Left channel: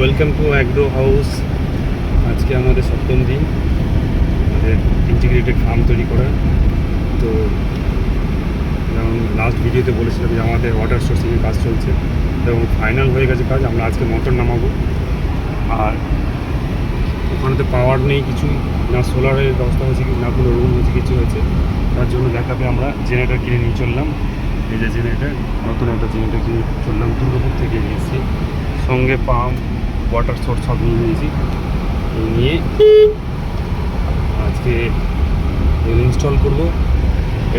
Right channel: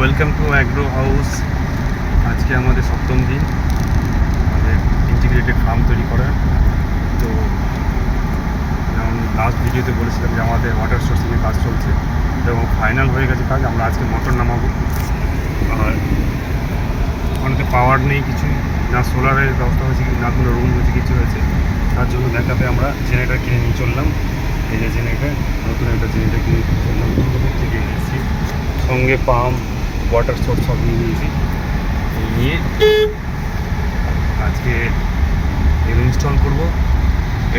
Welcome to agro house. আজকে আমাদের সপ্তম দিন আমাদের ইন্টিগ্রেটেড ফার্ম তৈরি করা। তো যেমন লাস্ট ভিডিওতে বলেছিলাম যে আমাদের ওয়াটার সোর্সিংয়ের কাজ চলছে এবং ফাইনাল হয়ে গেছে কাজ। আমরা আজকে মোটর নামাবো। আর ওখানেতে পাওয়ার নেই কিছু, না সোলারের ব্যবস্থা হয়েছে, না কোনো রুম হয়েছে, কিছু হয়েছে। তার জন্য দেখাতে আমরা জেনারেটর কিনে নিয়ে চললাম। এই যে জেনারেটর, নতুন একটা জেনারেটর কিনে চললাম, দুর্গাপুর থেকে এসেছি। সঙ্গে পাম্প, ওয়াটার সোর্স সব নিয়ে নিয়েছি। নিয়ে আজকে ইনস্টল করব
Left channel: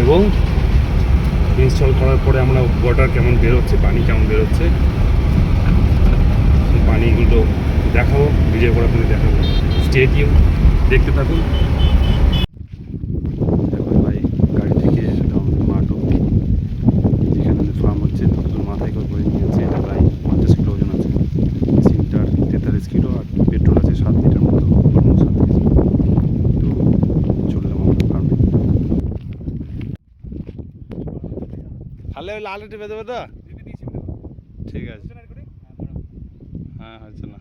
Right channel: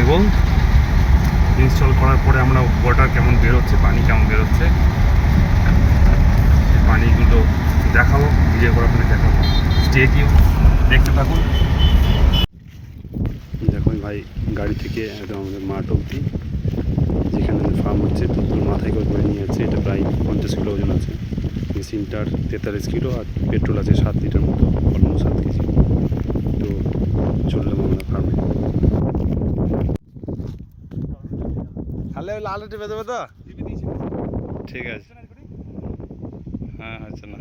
এবং ইনস্টল করার পরে আমরা ওয়াটার কেমন বেরোচ্ছে, পানি কেমন বেরোচ্ছে, সেই পানিগুলো দেখাবো, ভিডিও করার জন্য দেখাবো। স্টে টিউন, দেখতে থাকুন। দেখুন ভাই, গাড়ি থেকে একদম মাঠ অব্দি যেখানে ফার্ম হচ্ছে ততদূর মাথায় করে নিয়ে যাচ্ছে। এটা প্রায় 50 কিলো ওজন আছে। মেশিনটার 43 কিলো আর পেট্রোল আছে 7 লিটার মতো, অলমোস্ট 7 কেজি। তো চললাম আমাদের ফার্মে। তাহলে ওই লাল টিপে দেবে তো? ঠিক আছে, হ্যাঁ হচ্ছে না।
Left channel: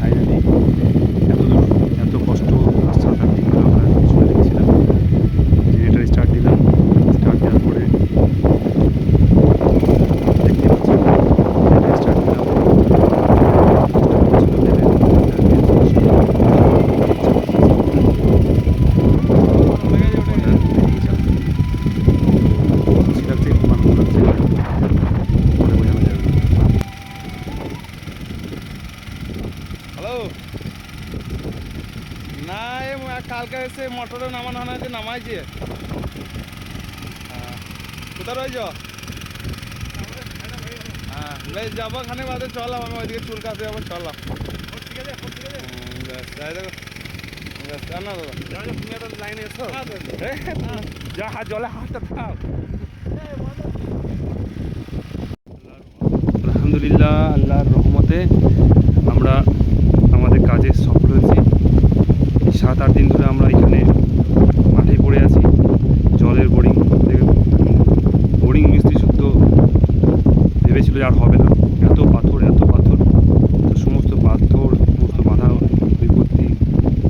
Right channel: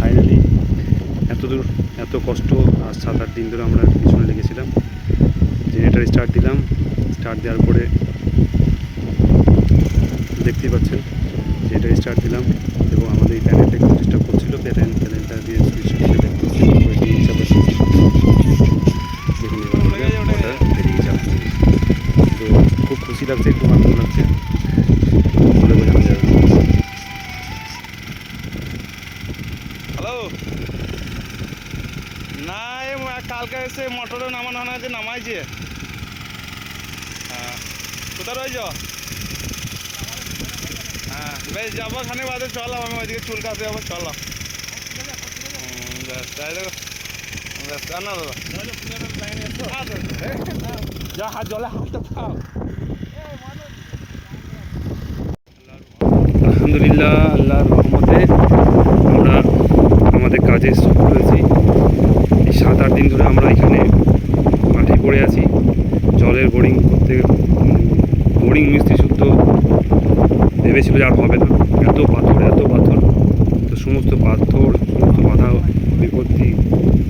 ফাইনালি এতদূর, এত কষ্ট আর 7-8 দিন ধরে আমরা পিছনে লেগেছিলাম। জেনারেটার স্টার্ট দিলাম। স্টার্ট দেওয়ার পরে দেখতেই পাচ্ছেন, জেনারেটার স্টার্ট দিলাম। চেষ্টা করছিল বেঁধে বেরিয়ে যাবে। তো খুব খুশি লাগছে, খুব আনন্দ লাগছে, বলে বোঝানো যাবে। হ্যালো, না কালকে এসে মোটরে নামানো হয়েছে, নামাইছে। হ্যাঁ, কোথায় রয়েছ? হ্যাঁ বেশ, যাবো খানিক বাদে, চলাম আমি ওইদিকে চুল কাটতে যাবো, চলাম। বেশ তাই দেখো, বেশ না দাদা যা হাত জলে হাতটা খাও। আলহামদুলিল্লাহ, আল্লাহর রহমতে আমরা আমাদের কাজে সফল হয়েছি। এই 7-8 দিন ধরে আমরা এখানে মাঠে পড়ে আছি। জলের বোরিং করতে, বোরিং মিস্ত্রি শুদ্ধ ভেবেছিল যে আর হবে না, এত পাথর এত পাথর। তো সমস্ত পাথর, সমস্ত বাধা বিপত্তি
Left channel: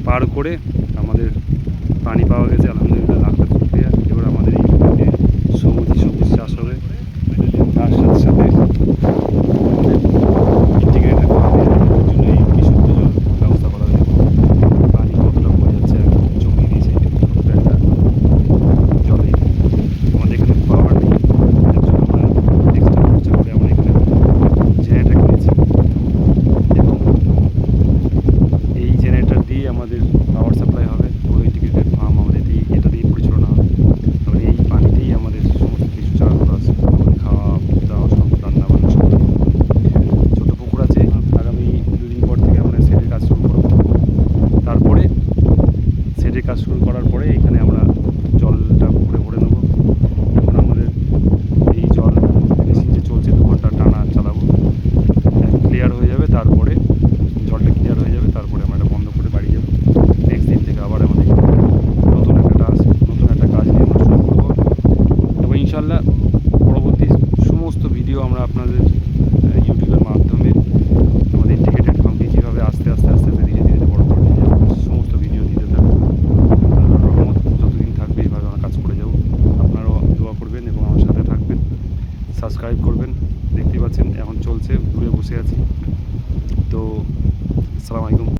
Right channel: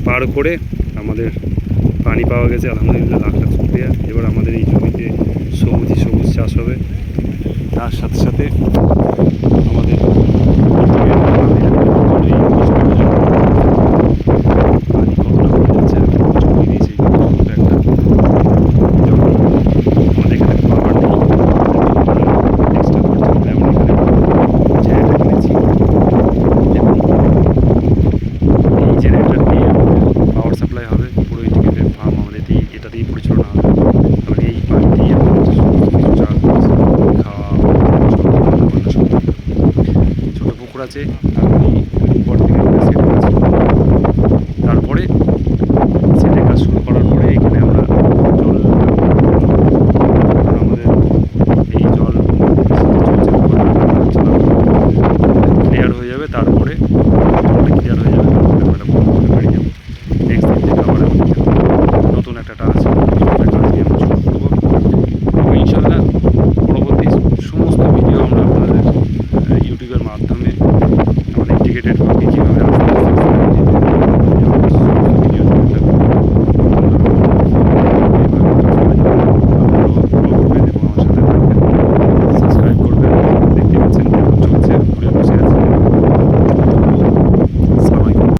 পার করে আমাদের পানি পাওয়া গেছে। আলহামদুলিল্লাহ, লাখ লাখ শুকরিয়া। এবার আমাদের এই জমিতে সবুজ চাষ হবে। তার সাথে সাথে আমাদের